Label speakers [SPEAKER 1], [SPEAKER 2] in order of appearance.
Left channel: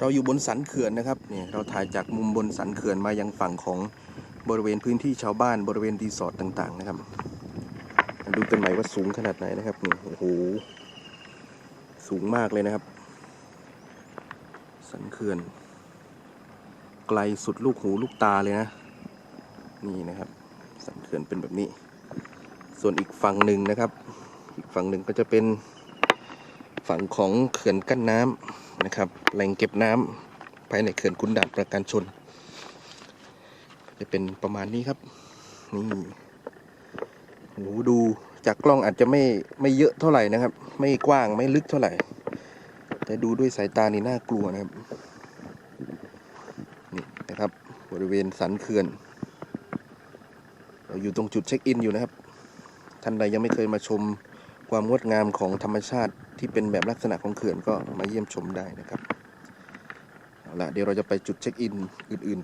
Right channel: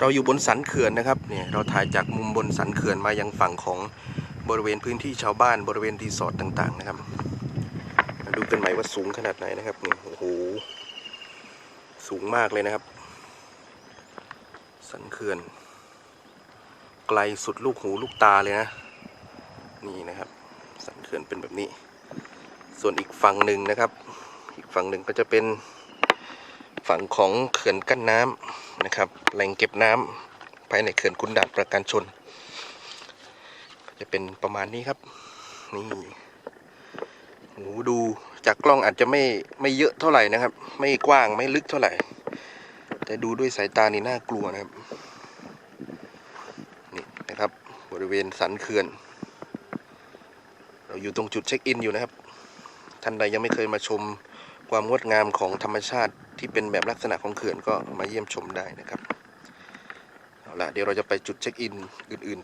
[SPEAKER 1] เราอยู่บนสันเขื่อนนะครับเนี่ยเราถ่ายจากมุมบนสันเขื่อนมายังฝั่งของบริเวณพื้นที่ชาวบ้านบริเวณรีสอร์ทต่างๆนะครับ ดูกันใหม่ว่าสูงขนาดไหนนะครับนี่โอ้โหสูงมากเลยนะครับ สันเขื่อน ไกลสุดลูกหูลูกตาเลยนะ นี่นะครับ สันเขื่อนเป็นแบบนี้ ส่วนอีกฝั่งหนึ่งนะครับ อีกฝั่งหนึ่งก็จะเป็น ฝั่งของเขื่อนกั้นน้ำนะครับ แหล่งเก็บน้ำภายในเขื่อนขุนด่านประการชน จะเป็นประมาณนี้ครับ นี่โหดูจากกล้องอาจจะไม่ไม่เยอะเท่าไหร่นะครับ ไม่กว้างไม่ลึกเท่าไหร่ แต่ดูด้วยสายตานี่น่ากลัวนะครับ นี่นะครับบริเวณสันเขื่อน เราอยู่ตรงจุดเช็คอินอยู่นะครับ ท่านใดยังไม่เคยมาชมความงดงามของธรรมชาติ ที่เป็นแบบลักษณะของเขื่อนก็มาเยี่ยมชมได้นะครับ เอาละเดี๋ยวเราจะไปจุดเช็คอินอื่นๆ